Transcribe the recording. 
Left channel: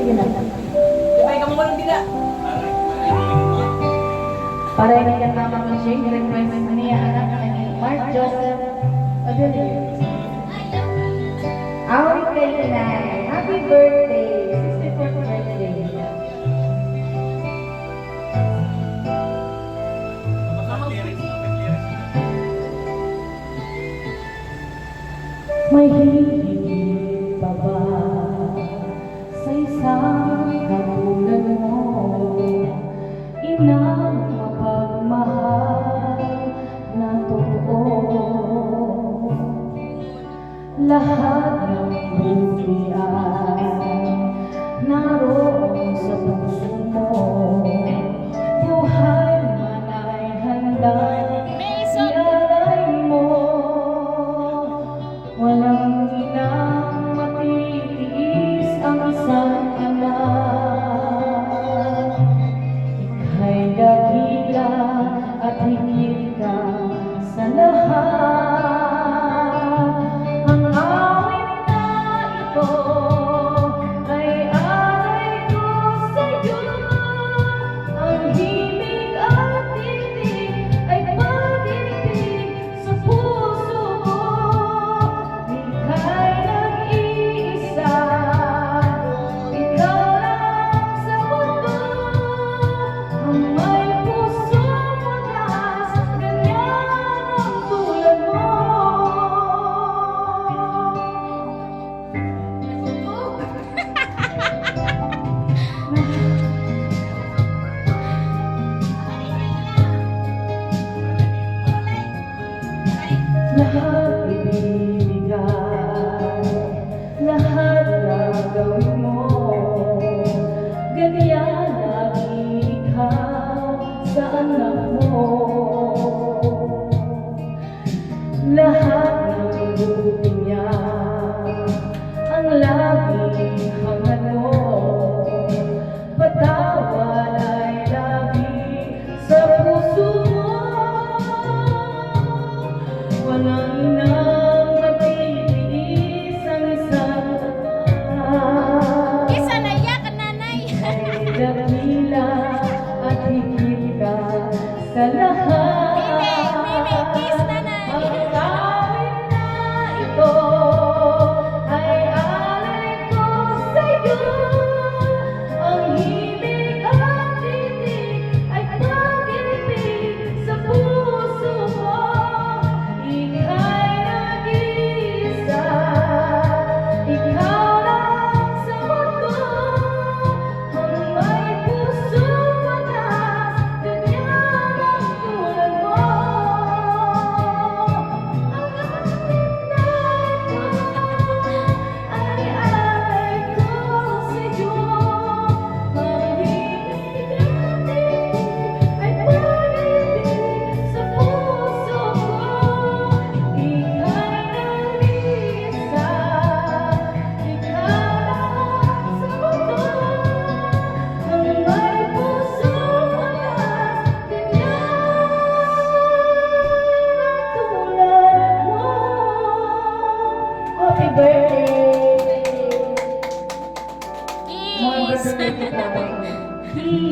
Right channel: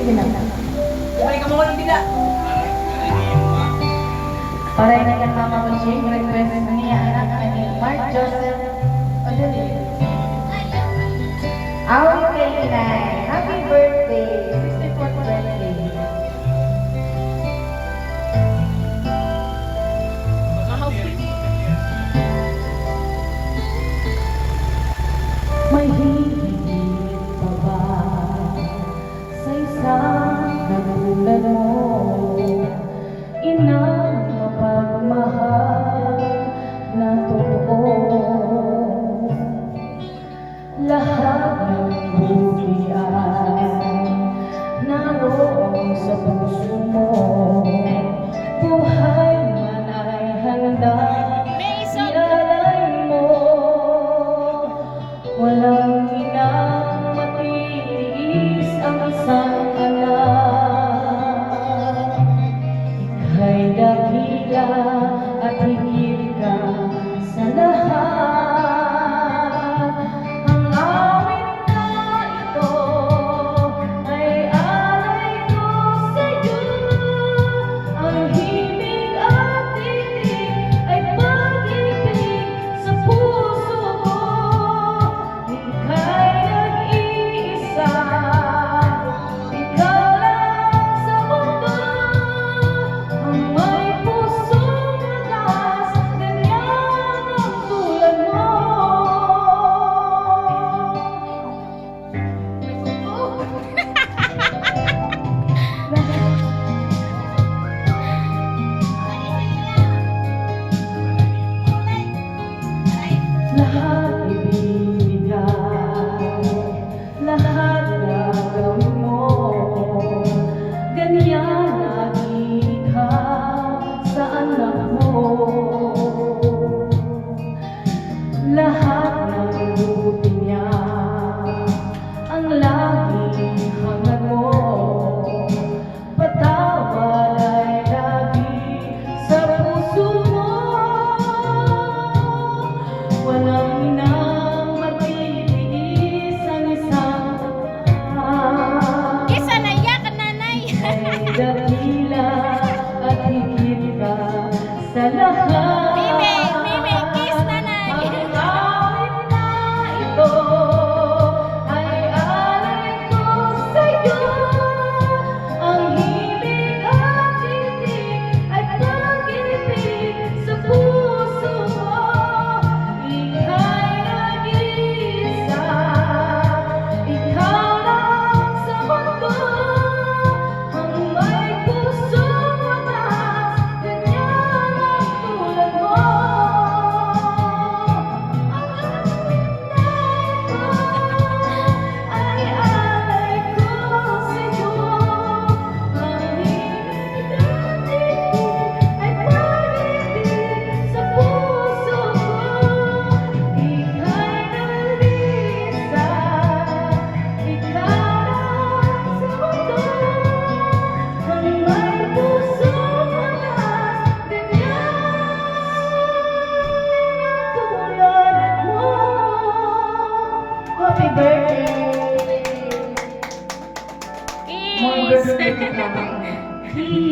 Sige na. Ay, kamu walang bila. Para ikan mama ko siya, request niya anak ni Mark Joseph Odilio. Awit kay Inay, happy birthday, 64th birthday. May higit pa ba sa isang katulad mo? Inang mapagmahal na totoo. Lahat ng buti ay naroon sa puso mo. Buhay man ay handa ialay mo. Walang inang matitiis ang isang anak. Ika'y dakila at higit ka sa lahat. Ang awit na ito ay alay ko sa'yo. Ang himig at titig ay pag-ibig sa puso ko. Ika'y nag-iisa, ikaw lang sa mundo. Ang may pusong wagas, ganyan ang tulad mo. Lahat ibibigay, lahat gagawin mo. Ganyan lagi ka sa anak mo. Lahat ng buti niya ang laging hangad mo. Patawad ay lagi sa puso mo. Walang inang matitiis ang isang anak. Isa na iyak, nanay. Ay dakila at higit ka sa lahat. Mimi, kiss, nanay. Ang awit na ito ay alay ko sa'yo. Ang himig at titig ay pag-ibig sa puso ko. Ika'y nag-iisa, ikaw lang sa mundo. Ang may pusong wagas, ganyan ang tulad mo. Ang awit na ito ay alay ko sa'yo. Ang himig at titig ay pag-ibig sa puso ko. Ika'y nag-iisa, ikaw lang sa mundo. Ang may pusong wagas, ganyan tulad mo. Happy birthday! More Kiss. birthday to come.